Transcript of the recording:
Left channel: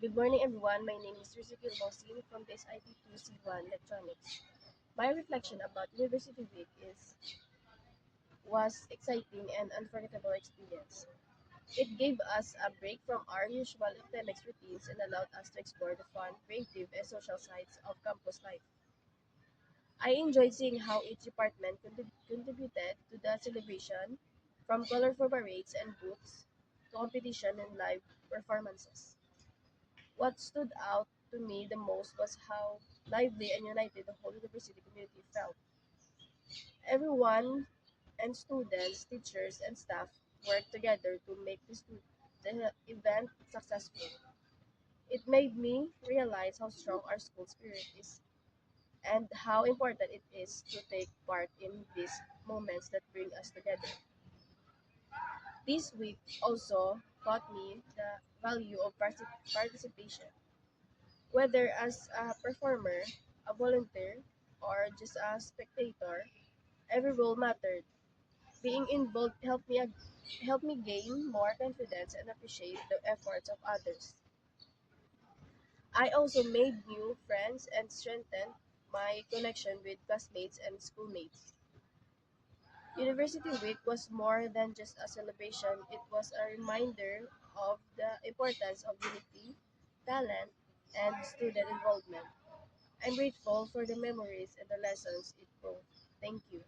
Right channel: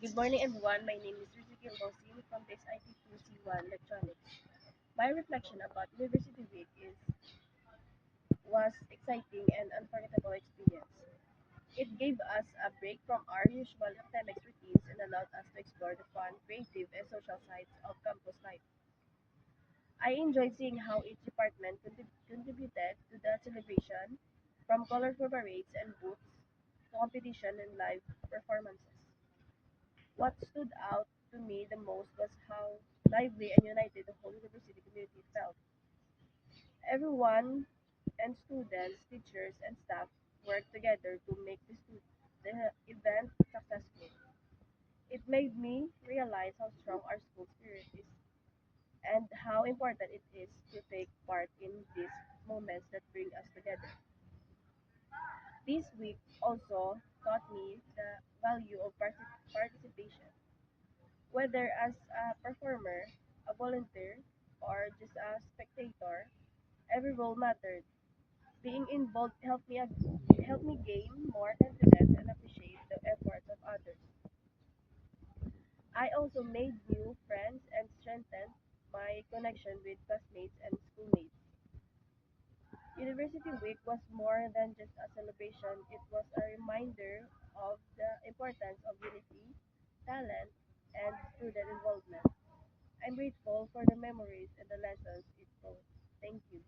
Good morning, everyone. My name is Rizikil Mosin from this IT2C1 Electronics. My reflection about University Week was exciting and unforgettable experience. It gave us a break from our usual academics routines and allowed us to explore the fun, creative, and social sides of campus life. I enjoyed seeing how each department contributed to the celebration, from colorful parades and booths to competition and live performances. What stood out to me the most was how lively and united the whole university community felt. Everyone and students, teachers, and staff worked together to make the event successful. It made me realize how strong our school spirit is and how important it is to take part in these moments that bring us together. This week also taught me the value of participation. Whether as a performer, a volunteer, or just a spectator, every role mattered. Being involved helped me gain more confidence and appreciate the efforts of others. I also made new friends and strengthened my connection with classmates and schoolmates. University Week was more than just a celebration, it was a reminder of the importance of unity, talent, and student involvement. I'm grateful for the memories and the lessons it brought. Thank you.